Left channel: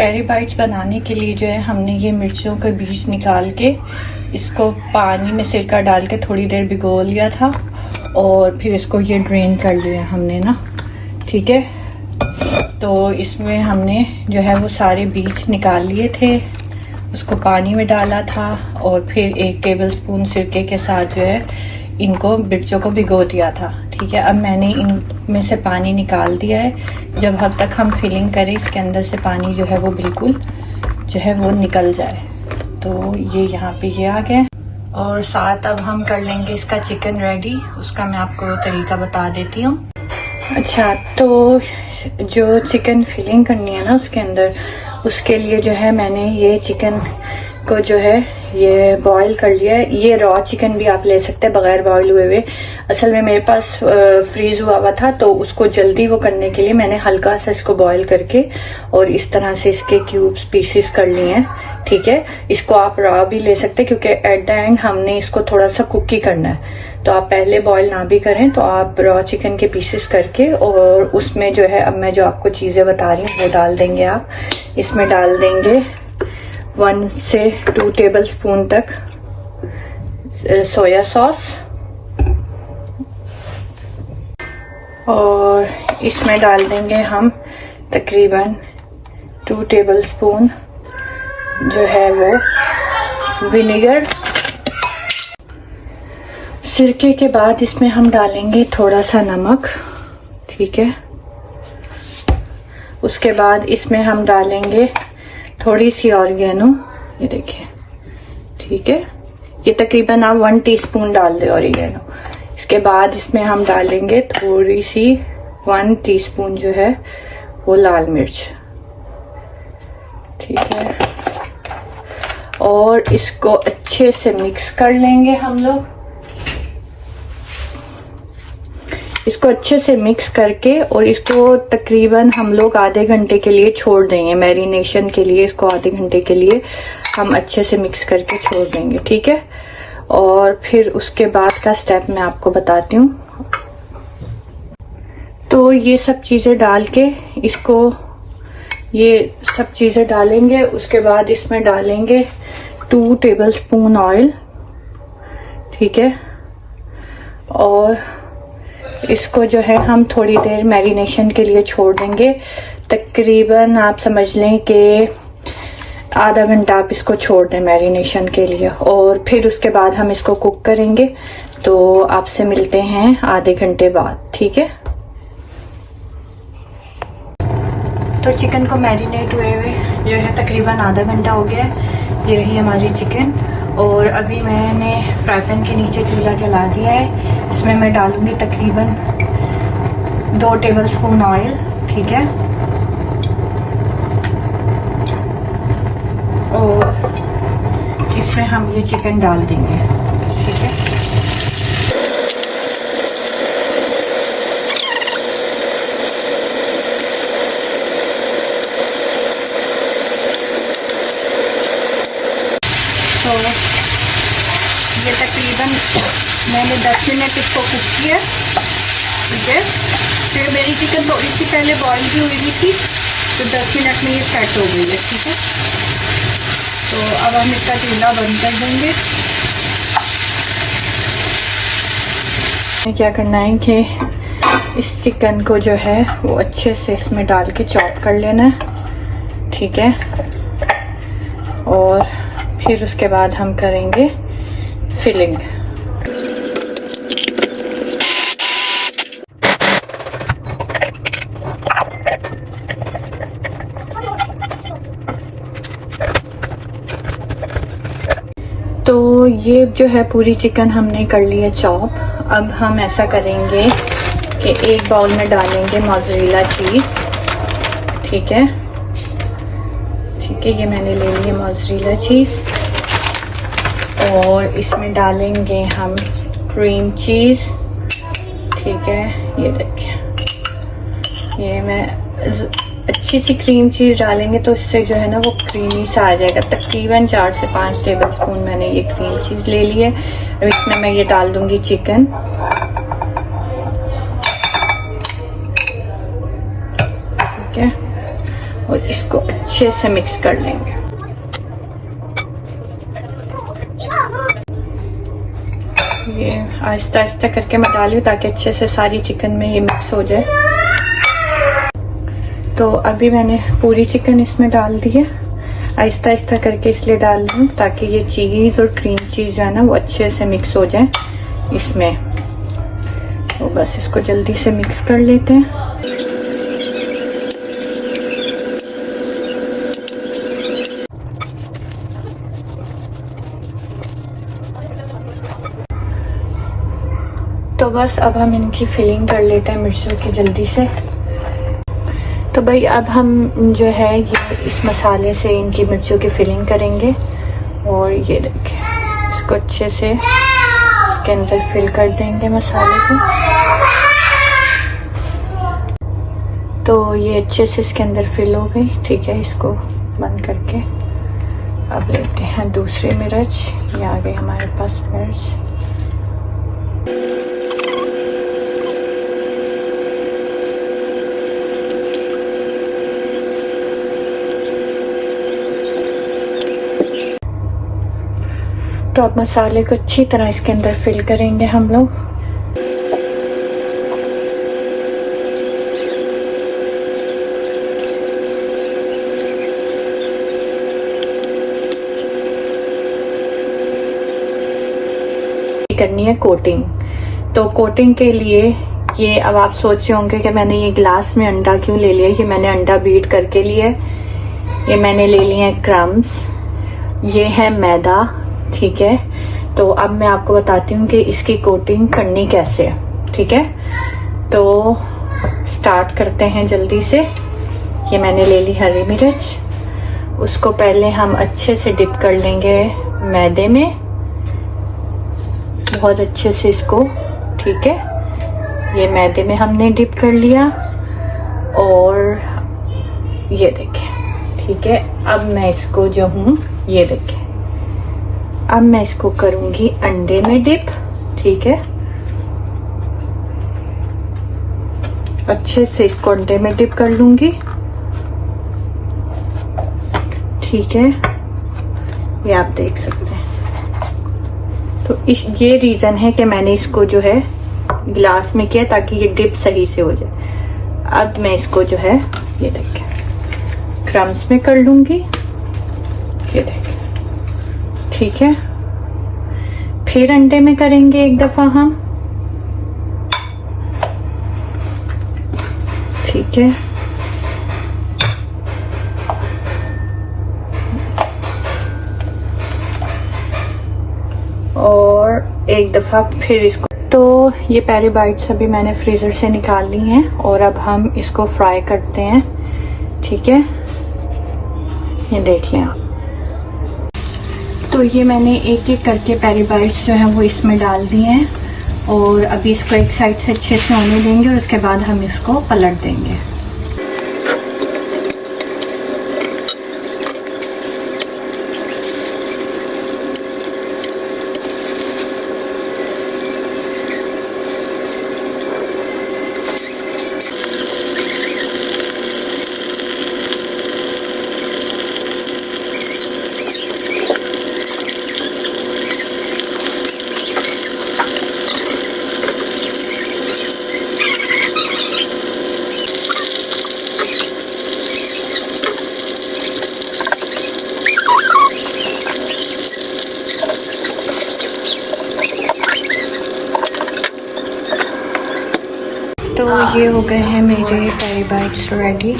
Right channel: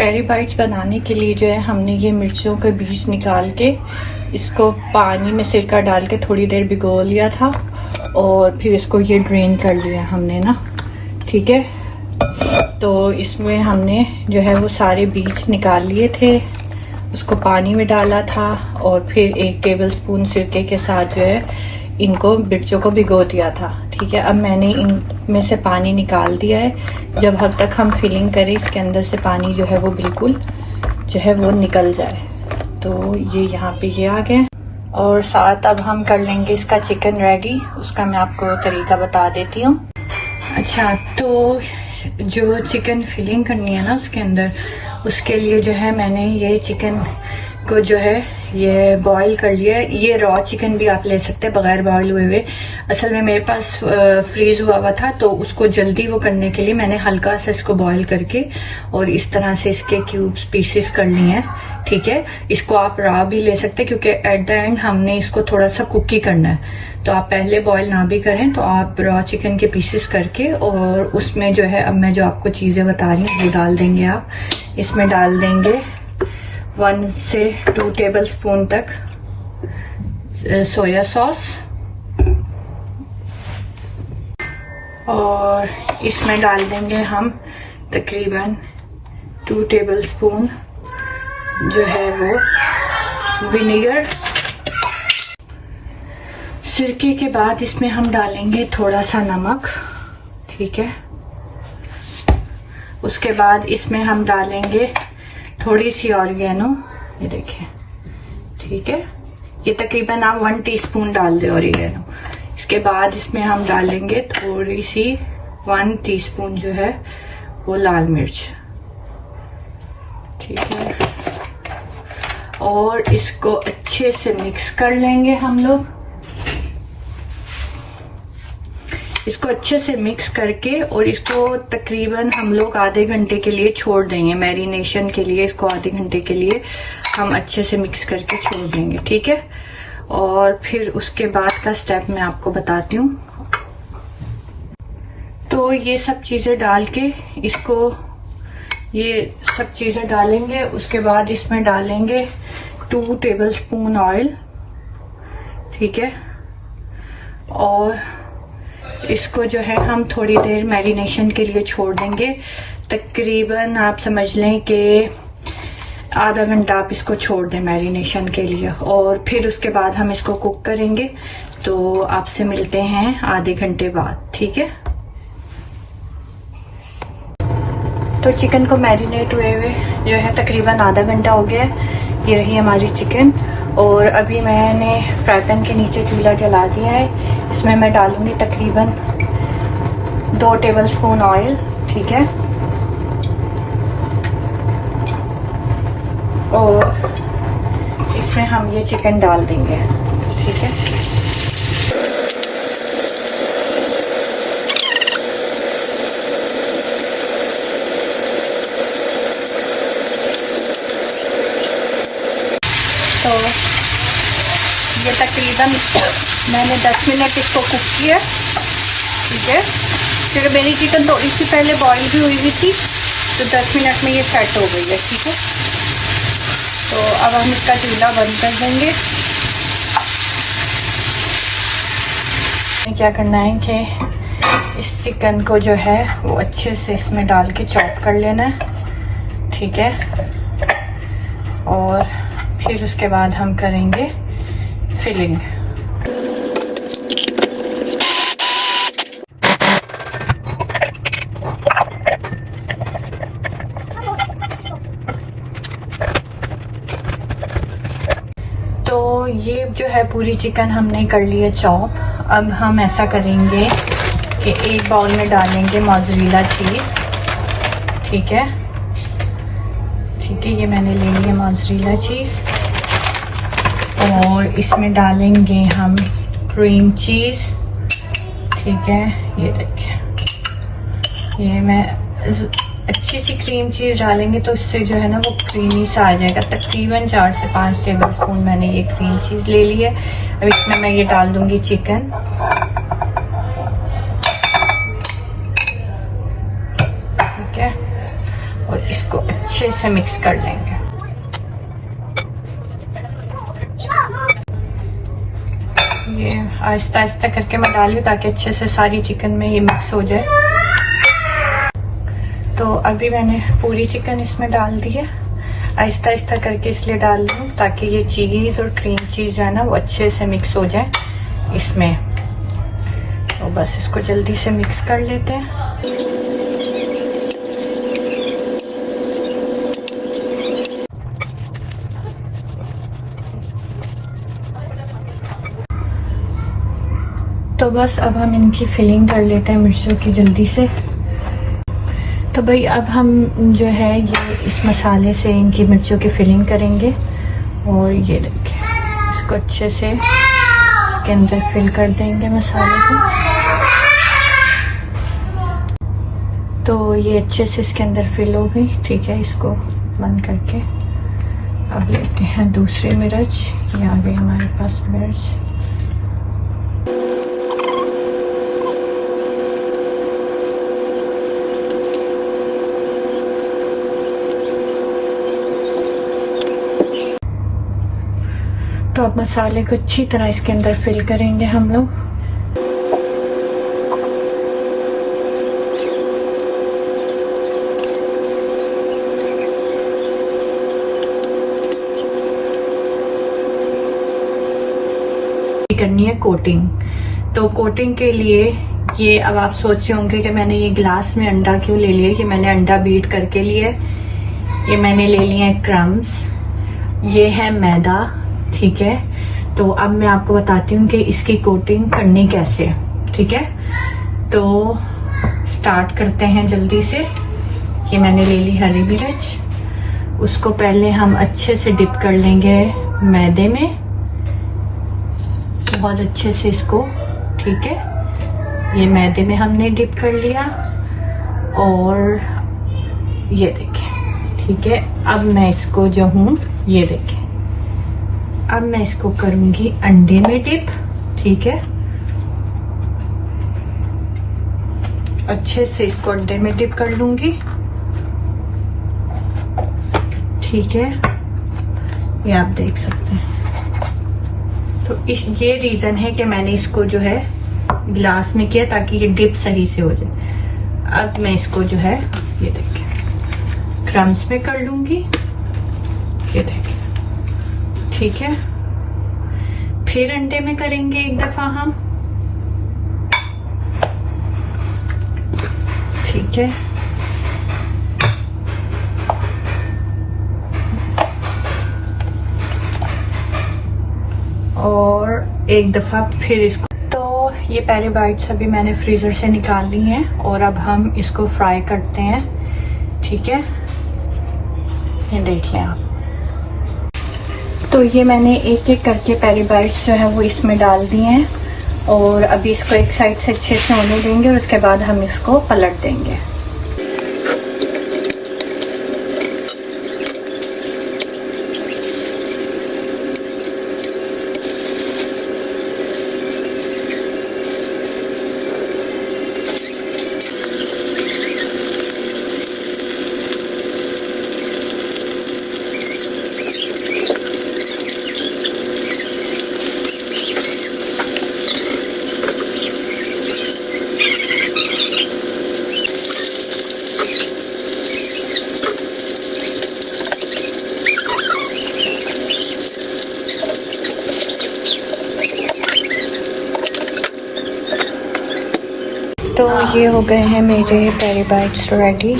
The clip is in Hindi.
पेरी बाइट्स बनाने के लिए जो है हमने ये मिर्चों के बीज निकाल के इसको पानी में सिरका डाल के थोड़ी देर भिगो लिया था और फिर इसको ये ड्रेन कर लिया हमने ना, ठीक है। तो इसमें हमने जो है वो सारे बीज निकाल लिए थे, उसको पानी में डाला था और फिर 1 टेबलस्पून सिरके के साथ जो है इनको मिर्चों को भिगो दिया था, ठीक है। अब मैंने इनमें से पानी निकाल दिया है। जब हद तक हम फिलिंग करें इसके अंदर से पानी जो है वो बिल्कुल जो है वो निकल जाए। तो ये यहाँ पे ये आ गया और साथ अब हम कर लेंगे इसका चिकन रेडी। उसका मैं आपको तरीका बता देती हूँ। अच्छा, तो जो चिकन फिलिंग करनी है ना उसके अंदर, उसके लिए जो है मैंने ये चिकन को जो है ये बॉईल कर लिया है। ये रॉ चिकन भी आप ले सकते हैं बगैर बॉईल हुए हुए। असल में मेरे पास फ्रीज हुआ था तो उसको जल्दी वो करने के लिए मैंने हल्का सा इसको बॉईल करके और इस तरह से इसके क्यूब्स पीसेस कर लिए हैं, ठीक है। इसको आप रॉ भी ले सकते हैं क्योंकि एट द एंड हमने इसको थोड़ा सा कुक ही करना है। तो आप पहले बॉईल ना भी करें तो आप रॉ चिकन के पीसेस करके और उसमें जो है अब मैं जो आपको चीजें बता रही हूँ वो डाल देंगे आप। इसमें डाल देंगे 1 से 2 टेबलस्पून तक सोया सॉस और इसमें डाल देंगे हम तकरीबन 2 टेबलस्पून जो है वो विनेगर। सिरके के बाद इसमें हम डालेंगे थोड़ा सा नमक, ठीक है। उसके बाद इसमें हम डालेंगे थोड़ी सी ऑरिगेनो, ये देखिए, ठीक है। ये तकरीबन आप 1 टीस्पून डाल दें ऑरिगेनो। इसके बाद इसमें हम डालेंगे थोड़ी सी 1 टीस्पून जो है वो लाल मिर्च, ठीक है। और इसको अच्छे से मिक्स कर लेंगे हम लोग। इसको अच्छे से मिक्स करके और इसको तकरीबन हम लोग आधे घंटे के लिए छोड़ देंगे मैरिनेशन के लिए। इसको आधे घंटे के लिए हम अच्छे से मिक्स करके छोड़ देंगे, ठीक है। और फिर उसके बाद का स्टेप मैं आपको बताती हूँ। तो ये सब चीजें डाल के इसको ये सब चीजें डालेंगे। उसके बाद इसमें डालेंगे 2 टेबलस्पून ऑयल, ठीक है। और इसको जो है हम थोड़ी देर मैरिनेशन के लिए छोड़ देंगे। तकरीबन आप समझ लें कि आधा घंटा आप इसको छोड़ दें मैरिनेशन के लिए और फिर उसके बाद हम इसको कुक करेंगे। तो आपसे मिलते हैं आधे घंटे बाद, ठीक है। तो चिकन को मैरिनेट हुए हुए जो है तकरीबन आधा घंटा हो गया है। ये रही हमारी चिकन और अभी मैंने फ्राई पैन के नीचे चूल्हा जला दिया है। इसमें मैं डालूंगी तकरीबन 2 टेबलस्पून ऑयल, ठीक है। और इसमें हम ये चिकन डाल देंगे, ठीक है। मैंने 10 मिनट इसको कुक किया, ठीक है। फिर मेरी चिकन तो इससे पहले बॉईल भी हुई थी तो 10 मिनट में ये सेट हो गई है, ठीक है। तो अब हम इसका चूल्हा बंद कर देंगे। क्या करना है कि इस चिकन को जो है वो अच्छे से इसमें डाल के चॉप कर लेना है, ठीक है। और फिर उसके बाद हम करेंगे फिलिंग। तो ये जो है पूरी चिकन हमने कर ली है चॉप। अब हम ऐसा करेंगे कि एक बाउल में डालेंगे मोज़रेला चीज, ठीक है, ठीक है। ये मैंने ले ली है मोज़रेला चीज और इसमें डालेंगे हम क्रीम चीज, ठीक है। ये देखिए, ये मैं अच्छी सी क्रीम चीज डालेंगे तो इससे जो है ना वो क्रीमी सा आ जाएगा। तकरीबन 4 से 5 टेबलस्पून मैंने ये क्रीम चीज ले ली है। अब इसमें मैं ये डाल दूंगी चिकन, ठीक है। और इसको अच्छे से मिक्स कर लेंगे। ये आहिस्ता आहिस्ता करके मैं डाली हूँ ताकि अच्छे से सारी चिकन में ये मिक्स हो जाए। तो अभी मैंने पूरी चिकन इसमें डाल दी है, आहिस्ता आहिस्ता करके इसलिए डाल रही हूँ ताकि ये चीज़ और क्रीम चीज़ जो है ना वो अच्छे से मिक्स हो जाए इसमें। तो बस इसको जल्दी से मिक्स कर लेते हैं। तो बस अब हम इनकी फिलिंग कर लेते हैं मिर्चों की जल्दी से। तो भाई अब हम जो है ये इस मसाले से इनकी मिर्चों की फिलिंग करेंगे। और ये देखें, इसको अच्छे से इसके अंदर फिल कर देंगे मसाले को। तो ये अच्छे से इसके अंदर फिल हो गई। ठीक है, इसको बंद करके अब लेते हैं दूसरे मिर्च। ये आ गई हमारे पास मिर्च। तो अब मसाले को अच्छी तरह इसके अंदर फिल करेंगे हम लोग। करनी है कोटिंग। तो कोटिंग के लिए ये अब आप सोच रहे होंगे कि मैंने ये ग्लास में अंडा क्यों ले लिया। कि मैंने अंडा बीट करके लिया है। ये मैंने ले लिए हैं क्रम्स, ये है मैदा। ठीक है, तो अब मैं आपको बताती हूँ कि इसकी कोटिंग करनी कैसे है। ठीक है, तो स्टार्ट करते हैं जल्दी से। ये मैंने ले ली हरी मिर्च, उसको पहले हम अच्छे से डिप कर लेंगे मैदे में, बहुत अच्छे से इसको। ठीक है, ये मैदे में हमने डिप कर लिया और ये देखें। ठीक है, अब मैं इसको जो हूँ ये देखें, अब मैं इसको करूंगी अंडे में डिप। ठीक है, अच्छे से इसको अंडे में डिप कर लूंगी। ठीक है, ये आप देख सकते हैं। तो ये रीजन है कि मैंने इसको जो है गिलास में किया ताकि ये डिप सही से हो जाए। अब मैं इसको जो है ये देखें क्रम्स में कर लूंगी। ये देखें, ठीक है, फिर अंडे में करेंगे एक दफा हम। ठीक है, और एक दफा फिर इसको। तो ये पेरी बाइट्स अभी मैंने फ्रीजर से निकाल ली हैं और अब हम इसको फ्राई करते हैं। ठीक है, ये देख लें आप। तो ये मैंने एक एक करके पेरी बाइट्स जो है वो इसमें डाल दिए हैं और अभी इसको एक साइड से अच्छे से होने देंगे और उसके बाद हम इसको पलट देंगे। तो ये हो गए हैं मेरे पेरी बाइट्स रेडी।